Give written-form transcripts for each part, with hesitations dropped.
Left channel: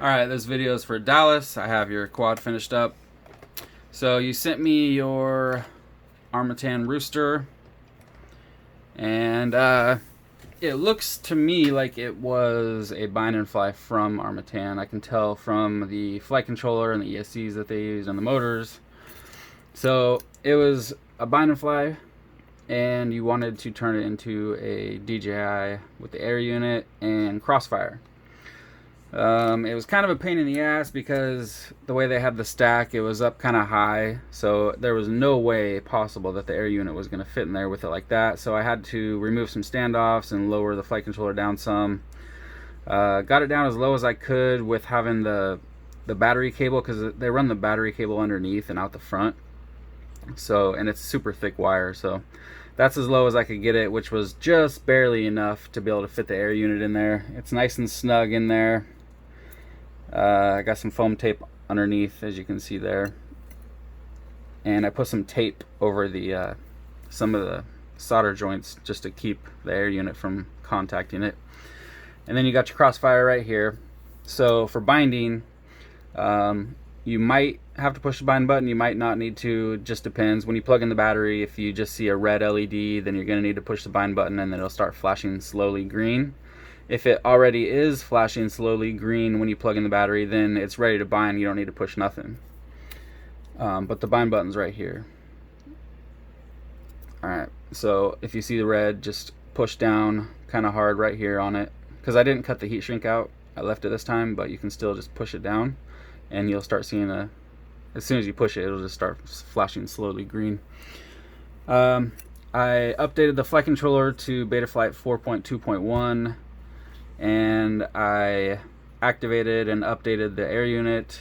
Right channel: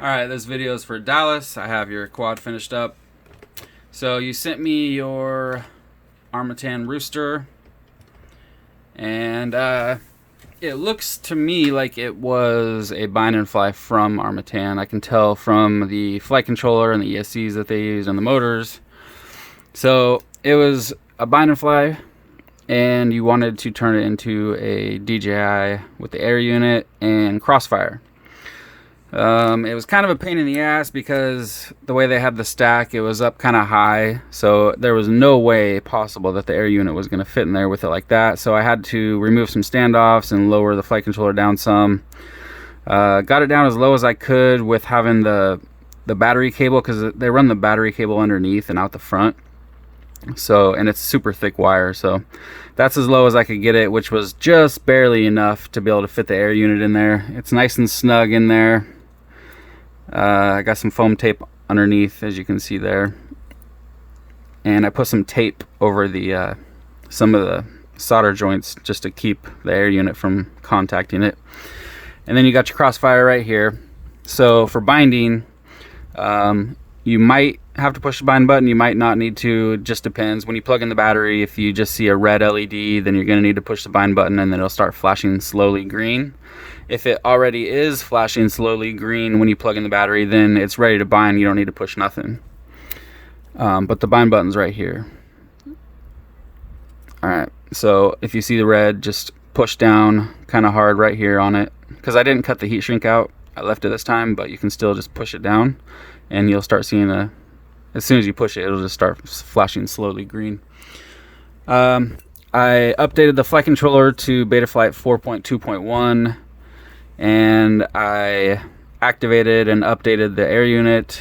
Alright, this video is for Dallas. I have your quad finished up. So you sent me your Armatan rooster, and it looks to me like it was a bind and fly from Armatan. I can tell from the flight controller and the ESCs that they use and the motors. So it was a bind and fly, and you wanted to turn it into a DJI with the air unit and crossfire. It was kind of a pain in the ass because the way they had the stack, it was up kind of high, so there was no way possible that the air unit was going to fit in there with it like that. So I had to remove some standoffs and lower the flight controller down some. Got it down as low as I could with having the battery cable, because they run the battery cable underneath and out the front. So, and it's super thick wire, so that's as low as I could get it, which was just barely enough to be able to fit the air unit in there. It's nice and snug in there. I got some foam tape underneath, as you can see there, and I put some tape over the some of the solder joints just to keep the air unit from contacting it. And then you got your crossfire right here. So for binding, you might have to push the bind button, you might not need to. It just depends. When you plug in the battery, if you just see a red LED, then you're going to need to push the bind button, and then it'll start flashing slowly green. If it already is flashing slowly green when you plug in the battery, then it's ready to bind. You don't need to push nothing. But the bind button's right here. Alright, so if you see the red, just push down kind of hard right here on it, because I didn't cut the heat shrink out. I left it this time, but you can still just push it down, and you'll start seeing as soon as you push it, it'll just start flashing slowly green. I updated the flight controller to Betaflight 4.2.1, and I activated and updated the air unit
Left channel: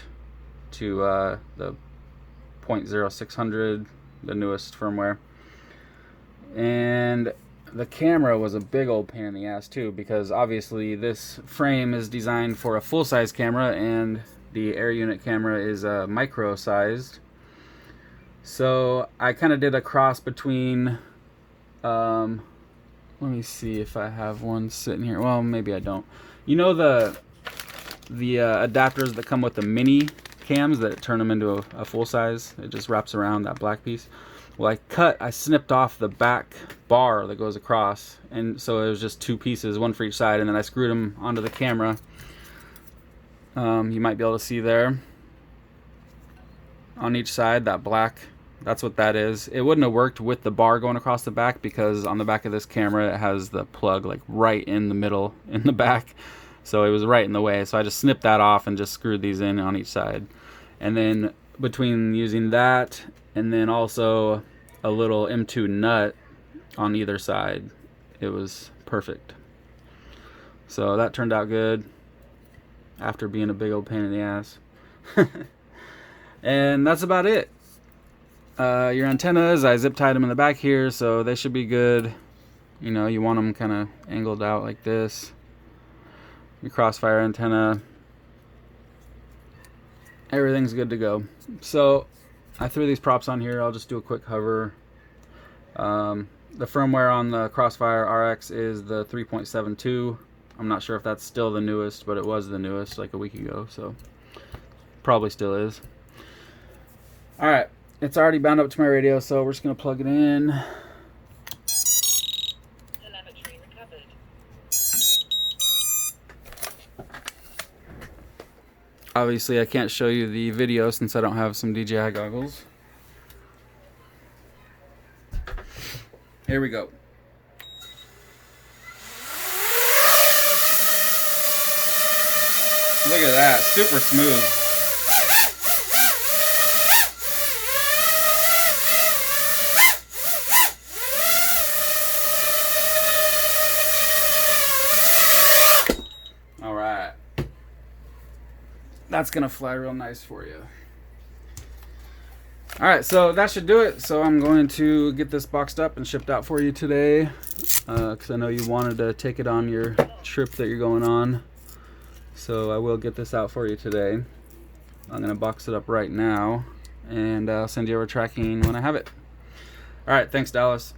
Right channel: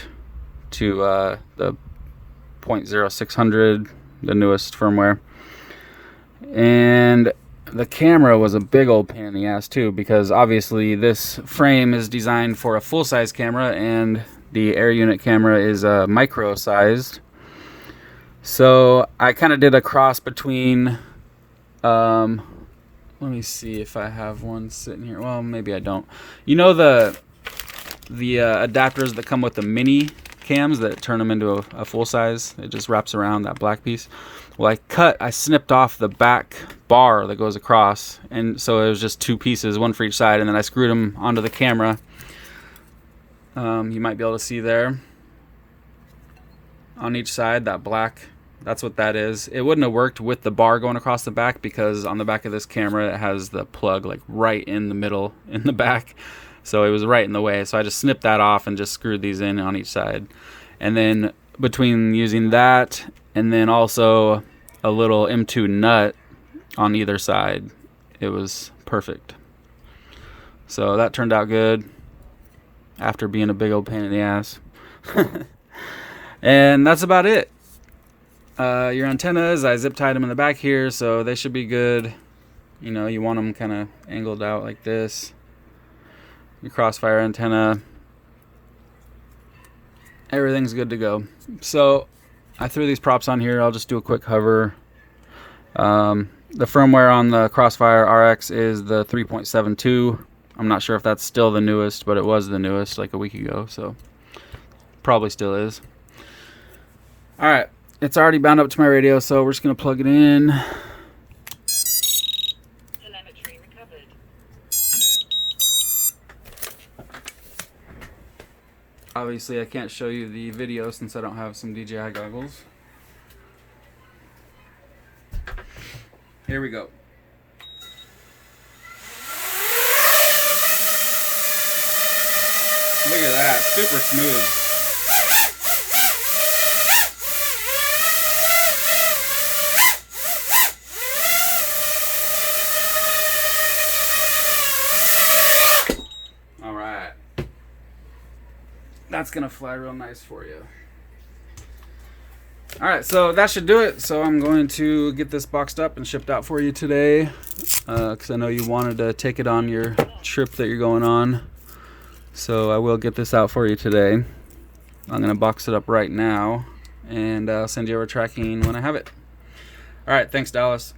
to the 0.0600, the newest firmware. And the camera was a big old pain in the ass too, because obviously this frame is designed for a full-size camera, and the air unit camera is micro sized. So I kind of did a cross between let me see if I have one sitting here. Well, maybe I don't. You know the adapters that come with the mini cams that turn them into a full size? It just wraps around that black piece. Well, I snipped off the back bar that goes across, and so it was just two pieces, one for each side, and then I screwed them onto the camera. You might be able to see there on each side, that black, that's what that is. It wouldn't have worked with the bar going across the back, because on the back of this camera it has the plug like right in the middle in the back, so it was right in the way. So I just snipped that off and just screwed these in on each side, and then between using that and then also a little M2 nut on either side, it was perfect. So that turned out good after being a big old pain in the ass. And that's about it. Your antennas, I zip tied them in the back here, so they should be good. You know, you want them kind of angled out like this. Your crossfire antenna, everything's good to go. So I threw these props on here. I'll just do a quick hover. The firmware on the Crossfire RX is the 3.72. I'm not sure if that's still the newest, but it was the newest like a week ago, so probably still is. Alright, it's already bound up to my radio, so we're just going to plug it in. Telemetry recovered. Obviously I can't show you the video since I don't have some DJI goggles. Here we go. Look at that, super smooth. All right. That's gonna fly real nice for you. All right, so that should do it. So I'm going to get this boxed up and shipped out for you today, because I know you wanted to take it on your trip that you're going on. So I will get this out for you today. I'm going to box it up right now, and I'll send you over tracking when I have it. All right, thanks, Dallas.